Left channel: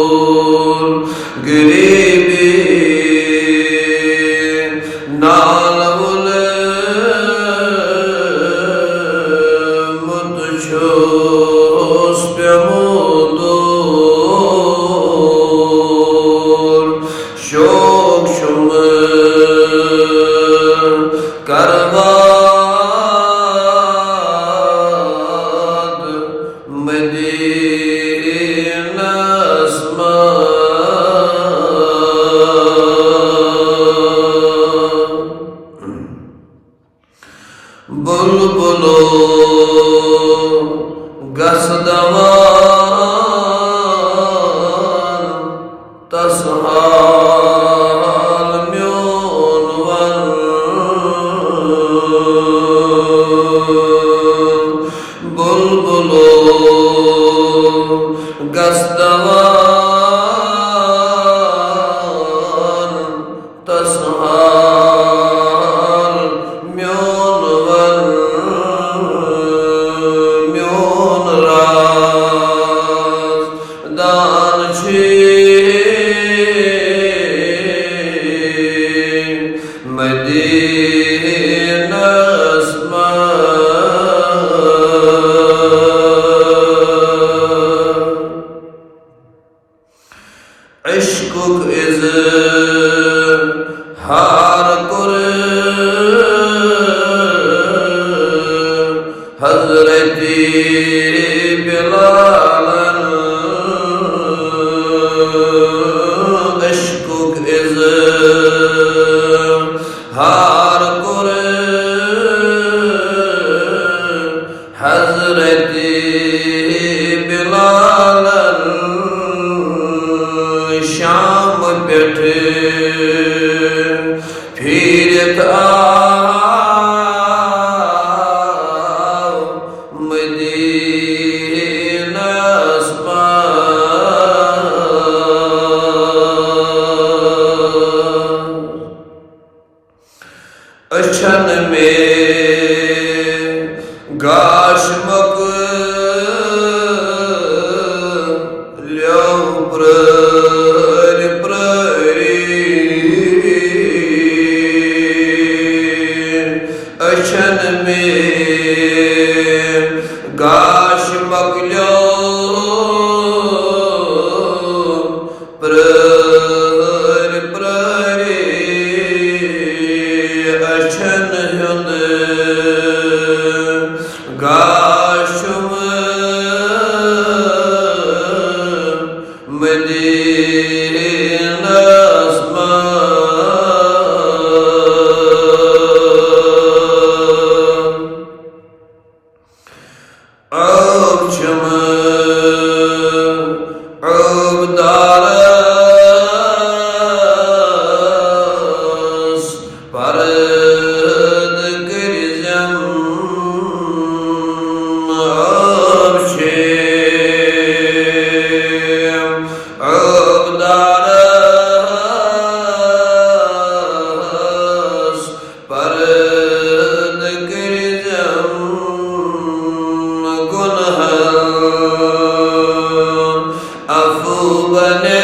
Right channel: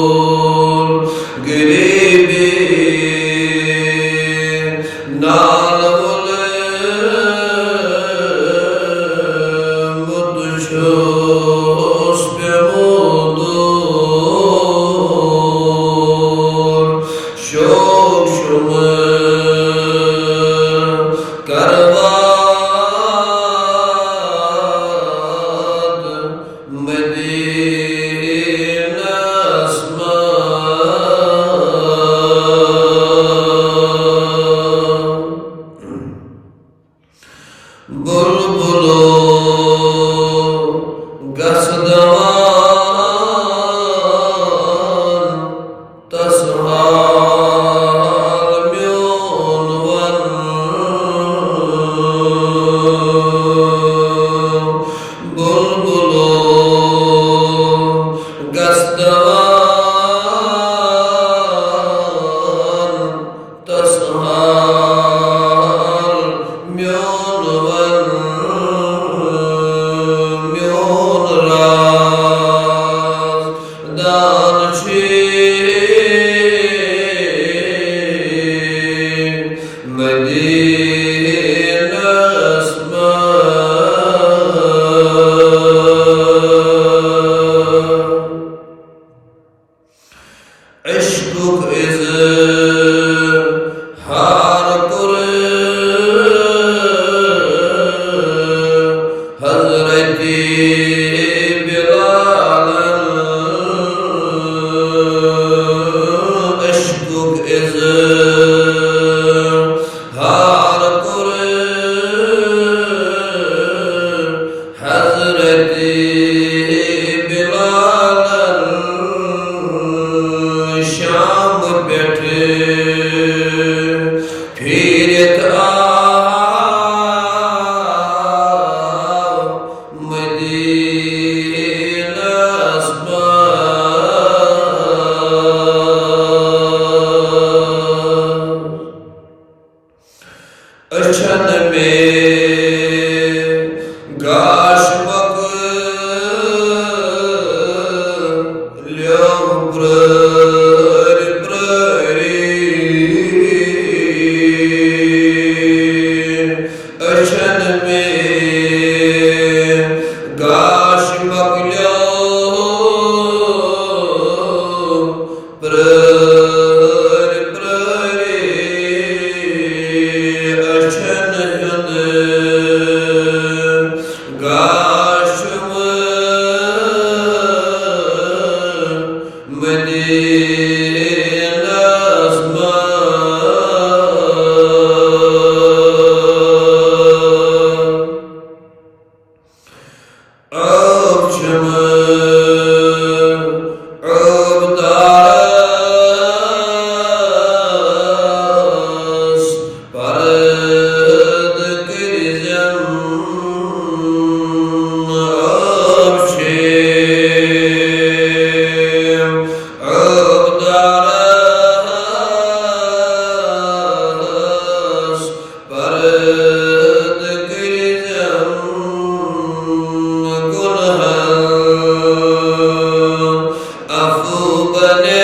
मदूर गरीबी नाल वले मुतशोस पे मदूर शोक शुम करवाद मदीना अस्मा बुलबुलो गसदवान तसहाल म्योन वन बुलबुलो गसदवान तसहाल म्योन वन म्योन राज दान छे मदीना अस्मा इश्कुक इज हार कुरे हजरती बिलालन इश्कुक इज हार कुरे हजरती बिलालन शाम बैठे फिरत आओ मदीना अस्मा अछन में गाशमक ल्यो अछन में गाश मगलो प्रहर प्रहरे अछन हुन गाशम मदीना अस्मा Abdaras parad kirzem abshem Abdaras parad kirzem अफू बने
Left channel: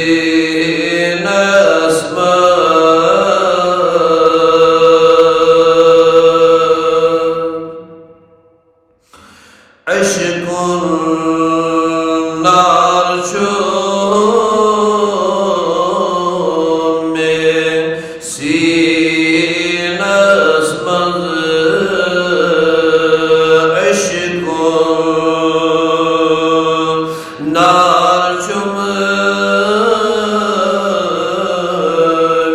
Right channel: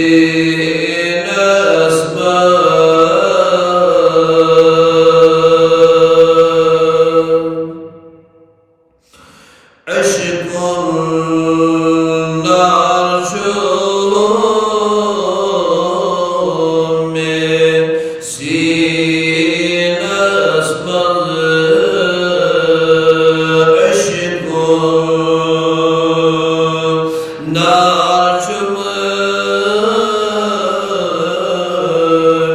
मदीना अस्मा अश्कुन नार शो में सीना अस्मा नार चुम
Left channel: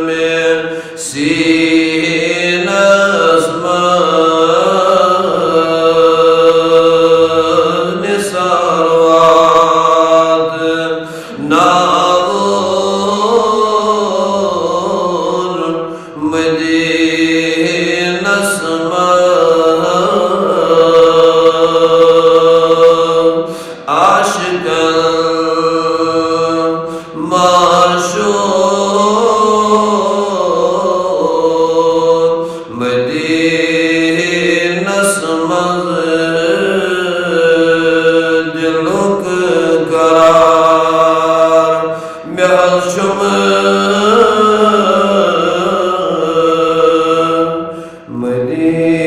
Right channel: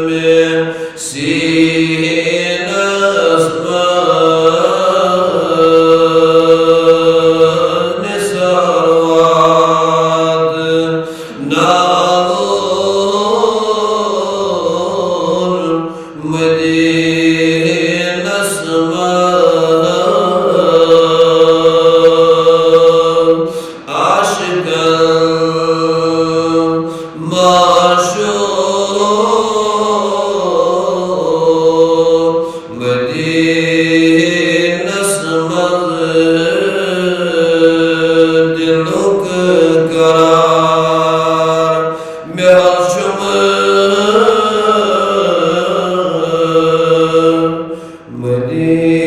में सीना अस्मा निसारवाद नावोर मदीना अस्मा माशो اهدي